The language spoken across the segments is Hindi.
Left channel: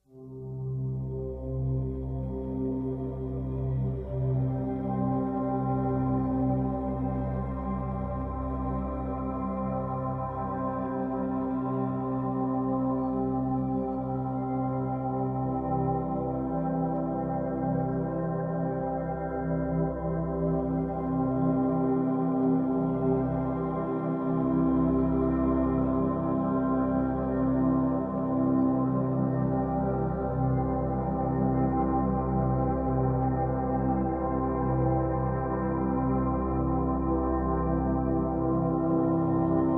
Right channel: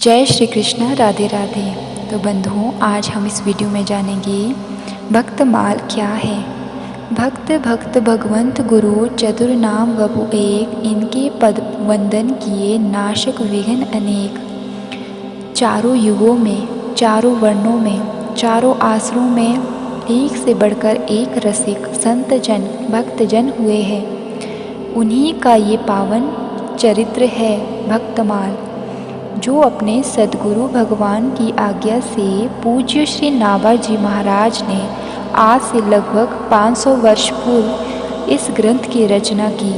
जय श्री कृष्ण, राधे राधे। तो बंधुओं, आज हम इस वीडियो में जानेंगे भक्तमाल क्या है। भक्त भक्त भगवंत गुरु चतुर नाम वपु एक, इनके पद वंदन किए नाशक विघ्न अनेक। चारों युगों में, चारों वर्णों में, चारों आसरों में एक से बढ़कर एक रसिक संत जन भक्तजन हुए हैं। उन्हीं का ये पावन चरित्र है भक्तमाल, जो अपने सद्गुरु भगवान की आज्ञा से पूज्य श्री नाभाजी महाराज ने आज से लगभग 500 वर्ष पूर्व इस ग्रंथ की रचना की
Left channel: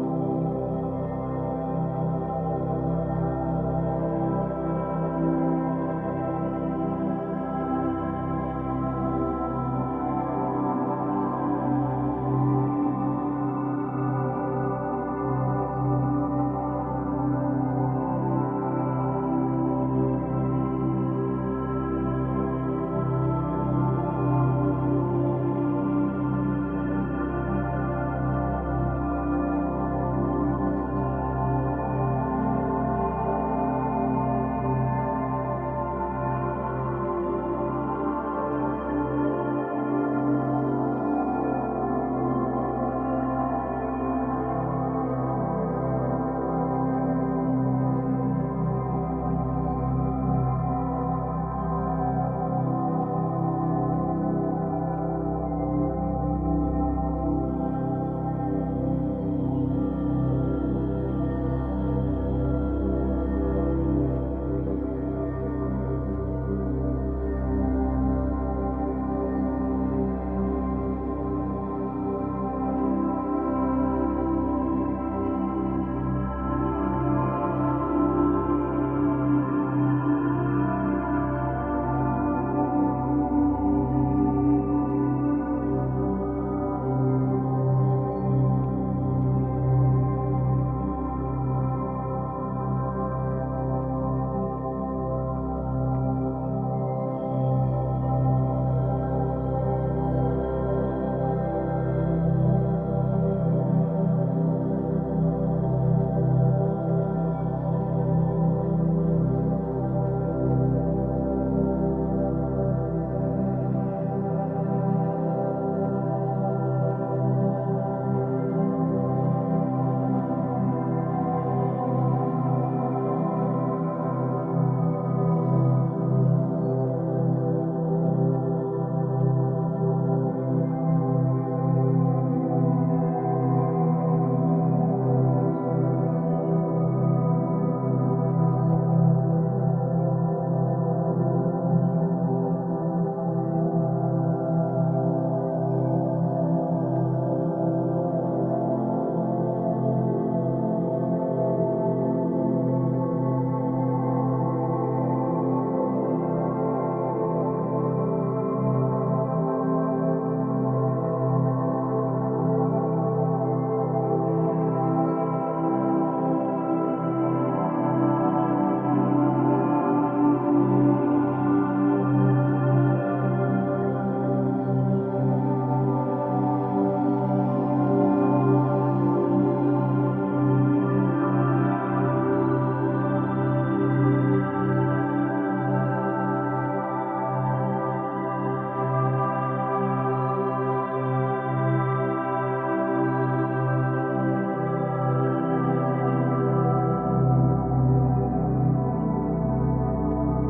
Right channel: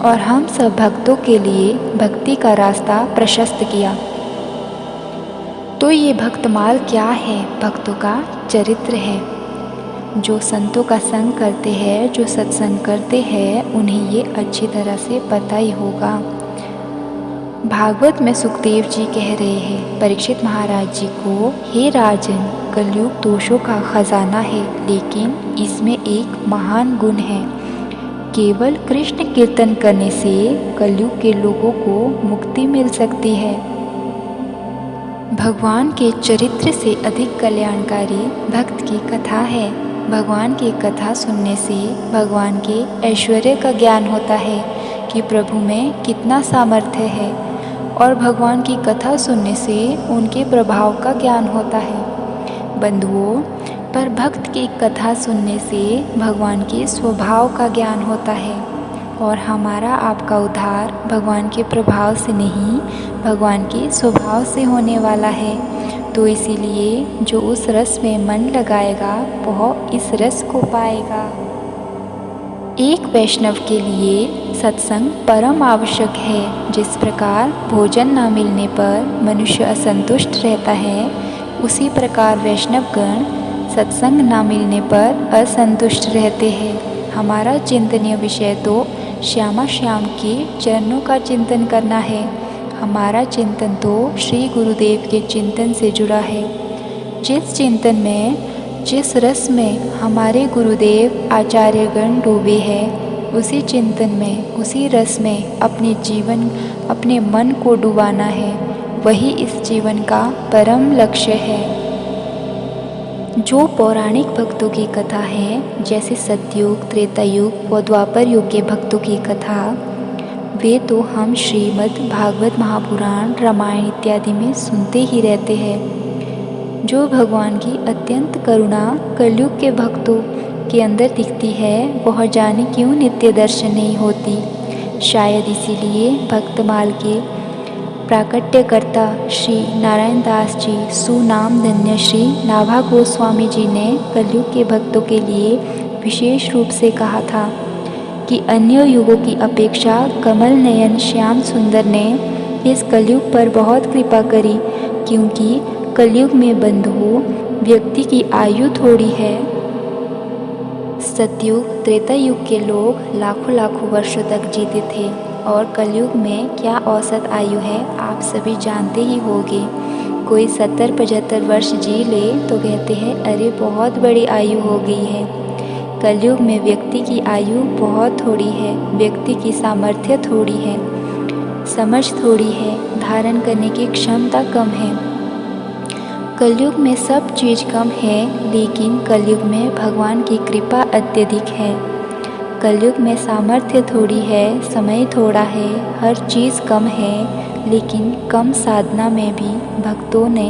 और हम सब भक्तों के लिए भक्ति का रास्ता प्रशस्त किया। तो ये भक्तमाल क्या है? भक्तों का चरित्र है। जो संतों का संग करते हैं, जो सत्संग करते हैं, उन्हें ये अच्छी तरह से पता ही होगा। भागवत में सुखदेव जी कह रहे हैं परीक्षित महाराज जी को, हे राजन, कलयुग दोषों का खजाना है, लेकिन इसमें एक महान गुण है। केवल कृष्ण कीर्तन करने से कलयुग के लोगों को मुक्ति मिल सकती है। भगवान के चरित्र से अधिक कल्याणकारी भक्त की कथा है। भगवान की कथा सुनने से भगवान के ऐश्वर्य का ज्ञान होता है कि प्रभु में कितना सामर्थ्य है, और भगवान की कथा सुनने से उनके प्रभाव का ज्ञान होता है। बंधुओं, पर भक्त की कथा सुनने से भगवान के स्वभाव का ज्ञान होता है, और हमारा आपका उद्धार भगवान के प्रभाव से नहीं, भगवान के स्वभाव से होने वाला है। तो इसीलिए जो उस रस में मन लगाएगा वह इस रस को पाएगा। एक वैष्णव के लिए सत्संग परम आवश्यक है। जिस प्रकार भोजन न मिलने पर मनुष्य असंतुष्ट रहता है, उसी प्रकार वैष्णवगण सत्संग न मिलने पर असंतुष्ट रहते हैं। हमारा चिंतनीय विषय तो श्यामा श्याम के चरणों का चिंतन करना है। हमारा चिंतन तो श्री गुरुदेव के चिंतन से जुड़ा है। जिस चिंतन में, जिस रस में हमारे गुरुदेव आचार्यगण डूबे हैं, उसी चिंतन में, उसी रस में अपने जीवन, अपने मन को डुबाना है। वही इस जीवन का परम लक्ष्य है। जो पौराणिक भक्तों की कथा है, जैसे सतयुग, त्रेता युग व द्वापर युग के भक्तों की कथा, वे तो हम श्रीमद् भागवत महापुराण, रामायण इत्यादि में सुनते ही रहते हैं। जो भगवान की अत्यंत करुणा कलयुग के भक्तों के अंदर दिखती है, वह जाने क्यों नित्य दर्शन नहीं होती। शायद इसीलिए भक्तमाल के प्राकट्यकर्ता श्री नारायण दास जी, सुनाम धन्य श्री नाभा गोस्वामी जी ने कलयुग के भक्तों के लिए विशेष रूप से कहा था कि अन्य युगों की अपेक्षा कमल नयन श्याम सुंदर ने इस कलयुग पर बहुत कृपा करी, क्योंकि कलयुग में बंधुओं व्यक्ति की आयु थोड़ी है। सतयुग, त्रेता युग के लोग लाखों लाखों वर्षों तक जीते थे, और कलयुग में क्या औसत आयु है आप सभी जानते ही होंगे। कोई 70-75 वर्ष जी ले तो कहते हैं अरे बहुत बड़ी आयु हो गई है। कलयुग में व्यक्ति की आयु बहुत थोड़ी है, व्यक्ति की सामर्थ्य थोड़ी है, समझ थोड़ी है, धारण करने की क्षमता कम है। कलयुग में सब चीज़ कम है, लेकिन कलयुग में भगवान की कृपा अत्यधिक है। कलयुग में सामर्थ्य थोड़ी है, समय थोड़ा है, हर चीज़ कम है, लेकिन कम साधना में भी भक्तों ने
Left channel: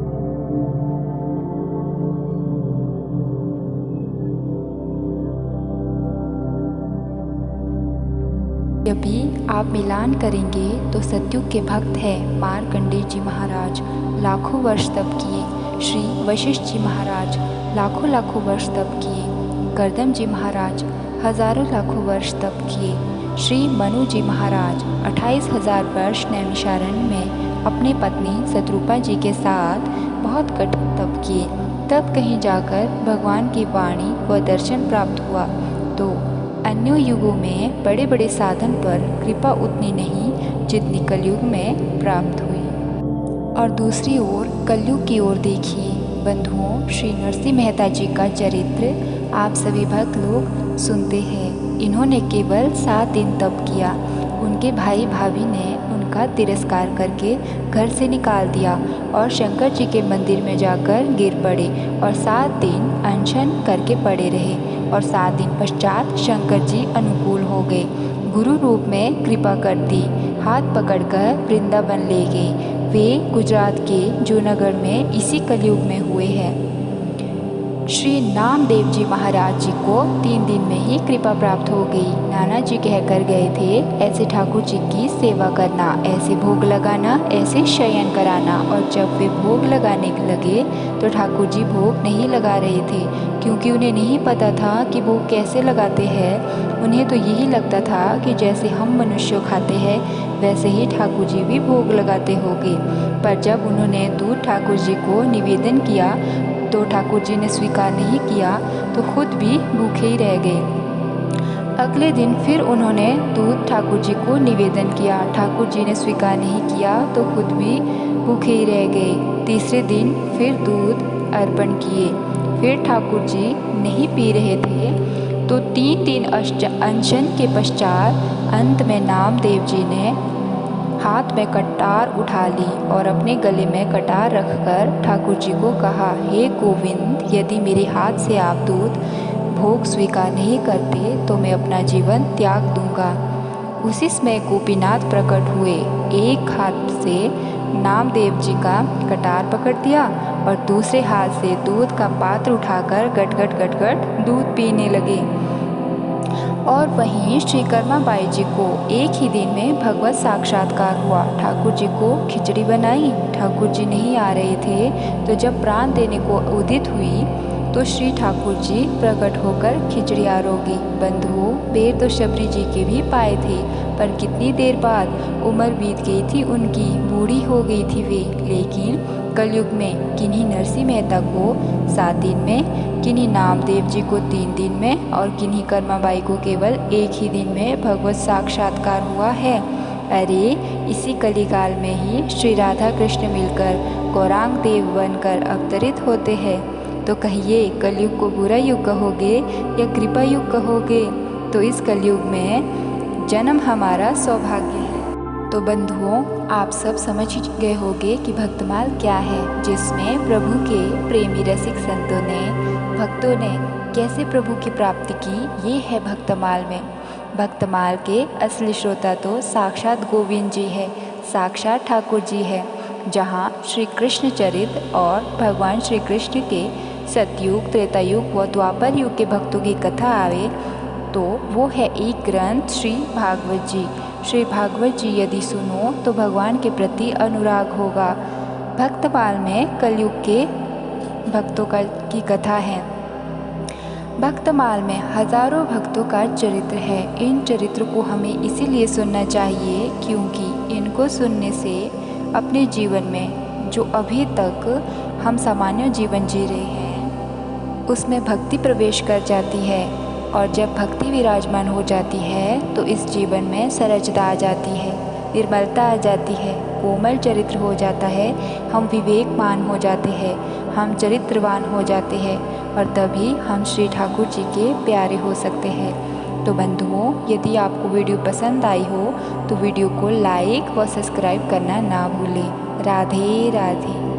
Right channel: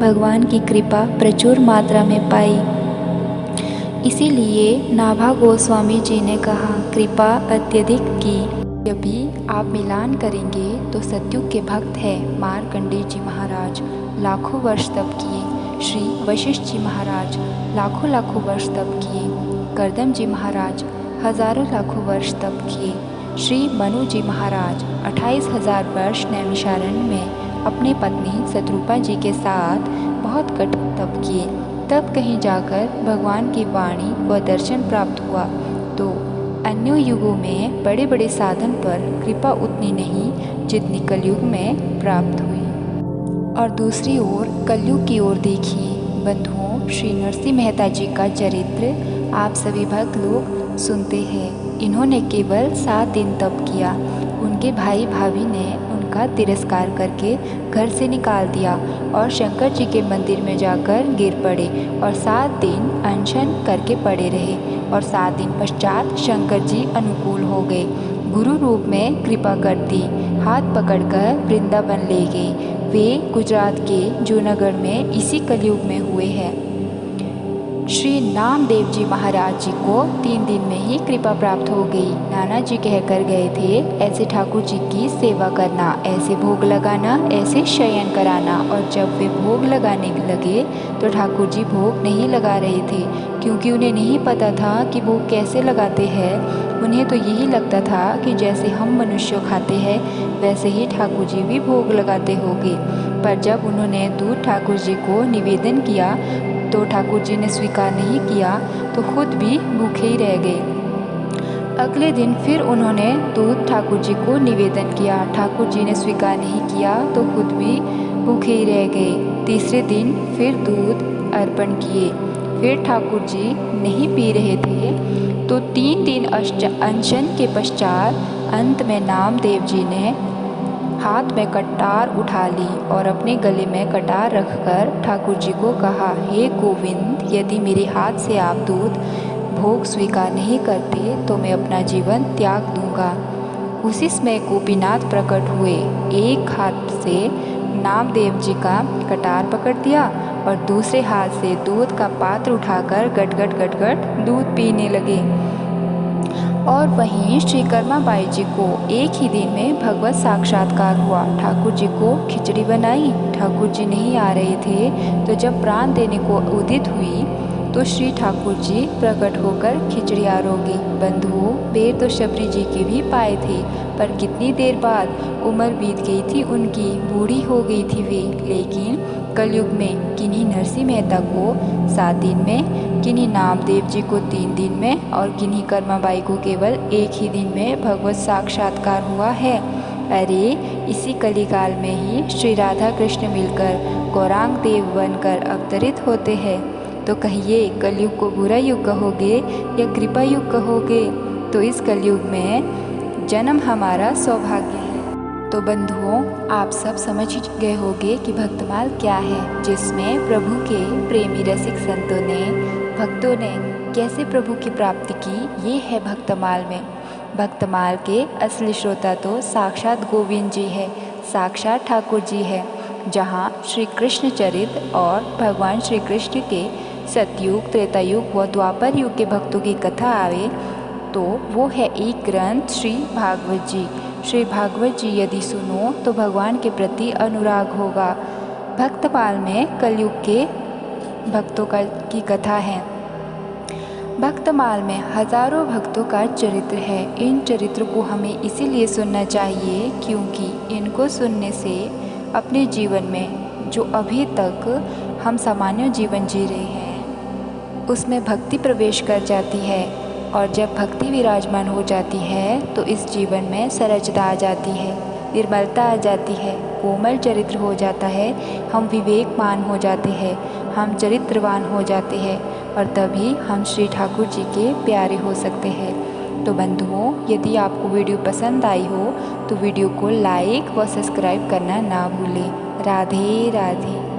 भगवान की कृपा प्रचुर मात्रा में पाई। इसीलिए नाभा गोस्वामी जी ने कहा, कृपा अत्यधिक की। यदि आप मिलान करेंगे तो सतयुग के भक्त हैं मार्कंडेय जी महाराज, लाखों वर्ष तप किए। श्री वशिष्ठ जी महाराज लाखों लाखों वर्ष तप किए। करदम जी महाराज हजारों लाखों वर्ष तप किए। श्री मनु जी महाराज 28,000 वर्ष नैमिषारण्य में अपनी पत्नी शत्रुपा जी के साथ बहुत कठोर तप किए। तब कहीं जाकर भगवान की वाणी व दर्शन प्राप्त हुआ। तो अन्य युगों में बड़े बड़े साधन पर कृपा उतनी नहीं जितनी कलयुग में प्राप्त हुई। और दूसरी ओर कलयुग की ओर देखिए बंधुओं, श्री नरसिंह मेहता जी का चरित्र आप सभी भक्त लोग सुनते हैं। इन्होंने केवल 7 दिन तप किया। उनके भाई भाभी ने का तिरस्कार करके घर से निकाल दिया और शंकर जी के मंदिर में जाकर गिर पड़े और 7 दिन अनशन करके पड़े रहे और 7 दिन पश्चात शंकर जी अनुकूल हो गए। गुरु रूप में कृपा कर दी, हाथ पकड़कर वृंदावन ले गए। वे गुजरात के जूनागढ़ में इसी कलयुग में हुए हैं। श्री नामदेव जी महाराज जी को 3 दिन में ही कृपा प्राप्त हो गई। नाना जी कहकर गए थे, ऐसे ठाकुर जी की सेवा करना, ऐसे भोग लगाना, ऐसे शयन कराना। और जब वे भोग लगाने लगे तो ठाकुर जी भोग नहीं लगा रहे थे, क्योंकि उन्हें नहीं पता था कि भोग कैसे लगाते हैं। उन्हें तो यही लगता था कि जैसे हम मनुष्य खाते हैं वैसे ही ठाकुर जी भी भोग लगाते होंगे। पर जब उन्होंने दूध ठाकुर जी को निवेदन किया तो ठाकुर जी ने स्वीकार नहीं किया, तो खुद भी भूखे ही रह गए। अगले दिन फिर उन्होंने दूध ठाकुर जी को निवेदन किया, ठाकुर जी ने स्वीकार नहीं किया, तो खुद भी भूखे ही रह गए। तीसरे दिन फिर दूध अर्पण किए, फिर ठाकुर जी नहीं पी रहे थे, तो 3 दिन अनशन के पश्चात अंत में नामदेव जी ने हाथ में कटार उठा ली और अपने गले में कटार रखकर ठाकुर जी को कहा, हे गोविंद, यदि मेरे हाथ से आप दूध भोग स्वीकार नहीं करते तो मैं अपना जीवन त्याग दूंगा। उसी समय गोपीनाथ प्रकट हुए, एक हाथ से नामदेव जी का कटार पकड़ दिया और दूसरे हाथ से दूध का पात्र उठाकर गट गट गट गट दूध पीने लगे। और वहीं श्री कर्माबाई जी को एक ही दिन में भगवत साक्षात्कार हुआ। ठाकुर जी को खिचड़ी बनाई, ठाकुर जी नहीं आ रहे थे, तो जब प्राण देने को उदित हुई तो श्री ठाकुर जी प्रकट होकर खिचड़ी आरोगी। बंधुओं, बेर तो शबरी जी के भी पाए थे, पर कितनी देर बाद उम्र बीत गई थी उनकी, बूढ़ी हो गई थी वे। लेकिन कलयुग में किन्हीं नरसिंह मेहता को 7 दिन में, किन्हीं नामदेव जी को 3 दिन में और किन्हीं कर्माबाई को केवल एक ही दिन में भगवत साक्षात्कार हुआ है। अरे, इसी कलिकाल में ही श्री राधा कृष्ण मिलकर गौरांग देव बनकर अवतरित होते हैं। तो कहिए, कलयुग को बुरा युग कहोगे या कृपा युग कहोगे? तो इस कलयुग में जन्म हमारा सौभाग्य है। तो बंधुओं, आप सब समझ ही गए होंगे कि भक्तमाल क्या है, जिसमें प्रभु के प्रेमी रसिक भक्तों ने कैसे प्रभु की प्राप्ति की, ये है भक्तमाल में। भक्तमाल के असली श्रोता तो साक्षात गोविंद जी है, साक्षात ठाकुर जी है। जहाँ श्री कृष्ण चरित्र और भगवान श्री कृष्ण के सतयुग, त्रेतायुग व द्वापर युग के भक्तों की कथा आवे तो वो है एक ग्रंथ श्री भागवत जी। श्री भागवत जी यदि सुनो तो भगवान के प्रति अनुराग होगा। भक्तमाल में कलयुग के भक्तों की कथा है। भक्तमाल में हजारों भक्तों का चरित्र है। इन चरित्र को हमें इसीलिए सुनना चाहिए क्योंकि इनको सुनने से अपने जीवन में जो अभी तक हम सामान्य जीवन जी रहे हैं उसमें भक्ति प्रवेश कर जाती है, और जब भक्ति विराजमान हो जाती है तो इस जीवन में सरलता आ जाती है, निर्मलता आ जाती है, कोमल चरित्र हो जाता है, हम विवेकमान हो जाते हैं, हम चरित्रवान हो जाते हैं, और तभी हम श्री ठाकुर जी के प्यारे हो सकते हैं। तो बंधुओं, यदि आपको वीडियो पसंद आई हो तो वीडियो को लाइक व सब्सक्राइब करना ना भूलें। राधे राधे।